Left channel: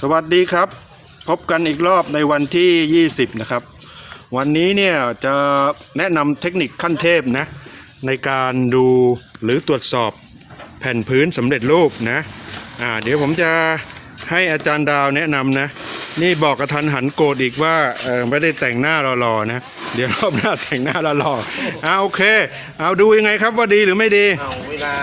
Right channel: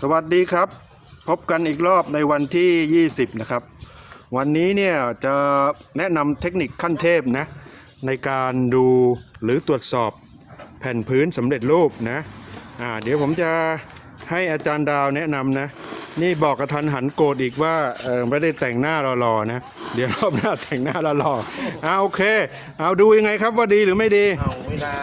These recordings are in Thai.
สวัสดีครับ พบกันอีกรอบในวันที่ 20 นะครับ วันนี้เนี่ยจะแนะนำเทคนิคขั้นเทพนะในการดูหรือตรวจสอบแผ่นพื้นสำเร็จรูปนะอ่าเดี๋ยวผมจะให้อาจารย์ดาวแนะนำนะนี่บอกกระทันหันโกรธอีกว่าไม่ได้แต่งหน้ารอๆนะ เดี๋ยวรอบหน้าแต่งหน้ารอๆอ่าโอเค เอาดูยังไงครับว่าดีหรือไม่ดีเอาเวลา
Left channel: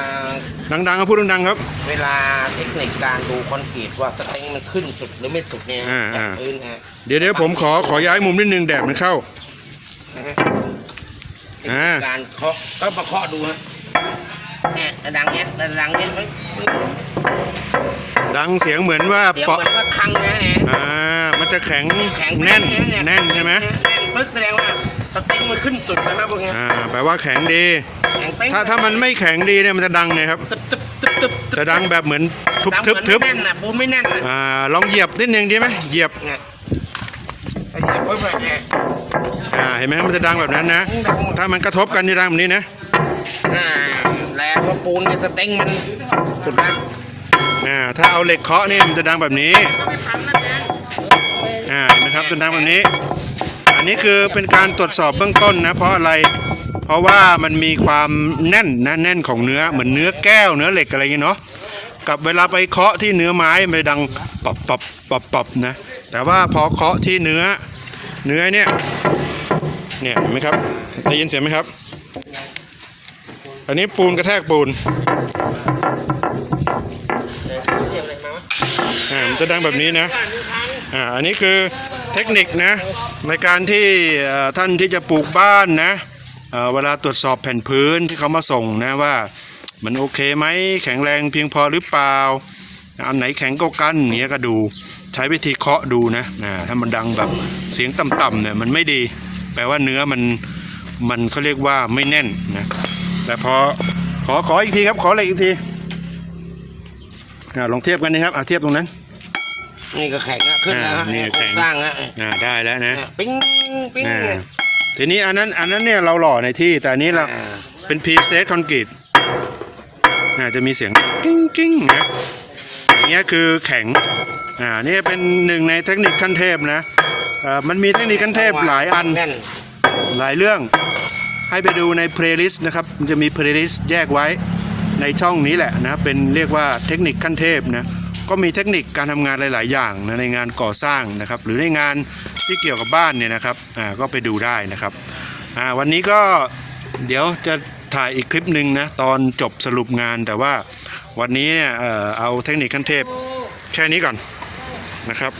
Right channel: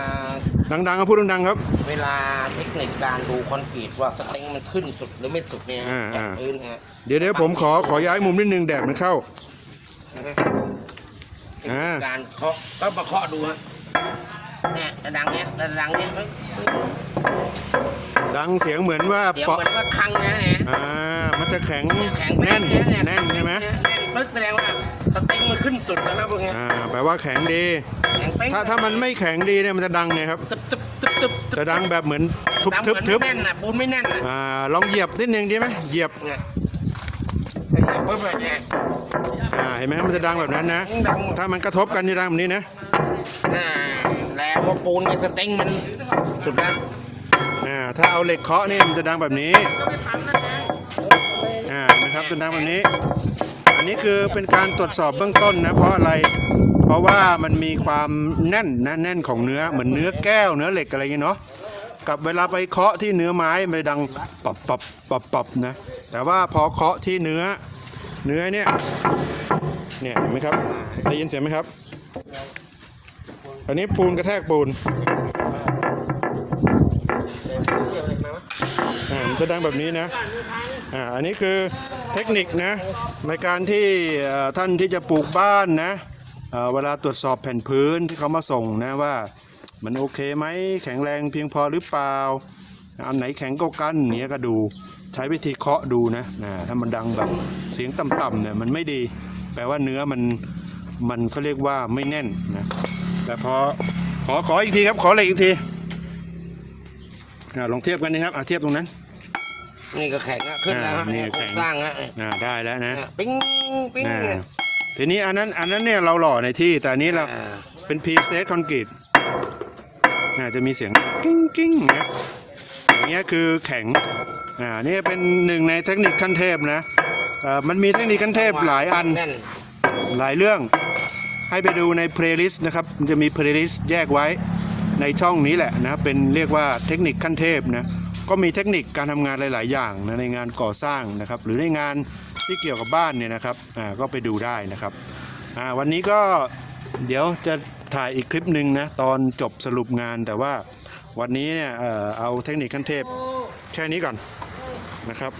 ดังๆก็พูดดังๆครับ เวลาเทคนิคการดูคอนกรีตว่าสเต็งมันขึ้นสุดหรือไม่สุดเนี่ยอ่าอ่าจากพื้นฮะเดี๋ยวเดี๋ยวผมขอขอย้ายมุมนิดนึงแดดมันเข้า อ่า การเคาะก็มาเคาะดูฮะเนี่ยดังเนี้ยดังเนี้ยเฮ้ยเฮ้ยดังเสียงเหมือนว่าเดี๋ยวเปาะเหมือนว่าคังนะเนี่ยอ่ามันจะแข็งแข็งแน่นเยแน่นใช่ไหม แน่นปึ๊กแสดงว่าสเต็งมั นขึ้นสุดนะครับพวกเนี้ยอ่าแปลว่าแข็งดี แข็งเป๊ะถ้าถ้ามันไม่แข็งดีเนี่ยมันจะดังไงครับ ตึ๊บตึ๊บตึ๊บตึ๊บจะดังแบบเหมือนทุบดังเหทึมืบอนทึบไม่แน่นน่ะปูนไม่แน่นน่ะอ่าลองเหยียบนิดนึงดีไหมเหยียบเนี่ยแต่อย่าเพิ่งไปเนี่ยอ่าเห็นไหมมันจะดังแบบนั้นนะดังหมดถ้ามันกระทบกันจะดังแบบนี้นะอ่าแล้วว่าปูนในสเต็งมันสุดแล้วอ่าถ้าเอาเหล็กเคาะเนี่ยมันจะดังแบบนี้อ่าเห็นไหมครับจะดังแบบนี้อั นนี้คือเป็นการตรวจสอบเบื้องต้นนะเพราะอะไร เพราะว่ามันมีความแน่นนะแน่นของเนื้อเหมือนเนื้อแก้วเนื้อเหล็กอะไรอย่างงี้เนาะกับเวลาไปเคาะที่เนื้อไม้มันดังปอบปอบปอบปอบนะ แต่ว่าพอเคาะที่เนื้อเนื้อเนี่ยเนี่ยเห็นไหมครับได้ยินเสียงไหมครับ อันนี้ปูนกระแทกปูนอ่ามันจะดังแบบนี้นะอ่าอันนี้คือเทคนิคนะ ในการที่ท่านที่จะปลูกบ้านนะเวลาตรวจสอบแผ่นพื้นที่เขามาส่งนะว่ามันโอเคไหมแข็งแรงเพียงพอหรือเปล่าอันไหนแข็งก็กันเนี้ยก็ดู ใช้วิธีเคาะดูนะถ้ามันดังแบบเสียงต่ำๆเนี่ยมันไม่ดี แปลว่าเนื้อมันมันเขาเรียกว่าไม่แน่นนะแต่พอขอขออีกทีครับขออะไรอีกทีลองเทียบกันนะครับอ่าเทียบตรงนั้น นี่ก็แข็งอะขึ้นแล้วฮะอ่านี่แข็ง สร้างฮะอ่าได้แล้วนะ ปิ้งปิ้งอ่าเนี่ย ทีนี้อันนั้นอันนั้นเนี่ยเราหล่อในที่แต่อันนี้เราอ่า เป็นพีสเตคอนกรีตอ่าจะมีเสียงกิ้งกิ้งนะอย่างเงี้ยคือแข็งอ่านี่เป็นหนึ่งในเทคนิคขั้นเทพนะอ่ามันมีเทคนิคขั้นเทพหลายอัน แน่นหลายเรื่องให้ไปดูในเพลย์ลิสต์นะครับ มันจะมีเพลย์ลิสต์แยกไว้ในช่องนี้แหละนะ เป็นเรียกว่าเทคนิคขั้นเทพนะ ก็มีเทคนิคการทำงานหลาย ๆ อย่างนะในงานก่อสร้างนะครับ หรือในงานที่เกี่ยวกับบ้านเนี่ยนะครับอ่าก็ไปดูได้นะครับอ่าวันนี้ก็เดี๋ยวจะถ่ายอีกคลิปหนึ่งนะตอนจบสรุปงานแต่ว่าวันนี้เนี่ยเออเอาเทคนิคขั้นเทพแค่นี้ก่อนนะครับ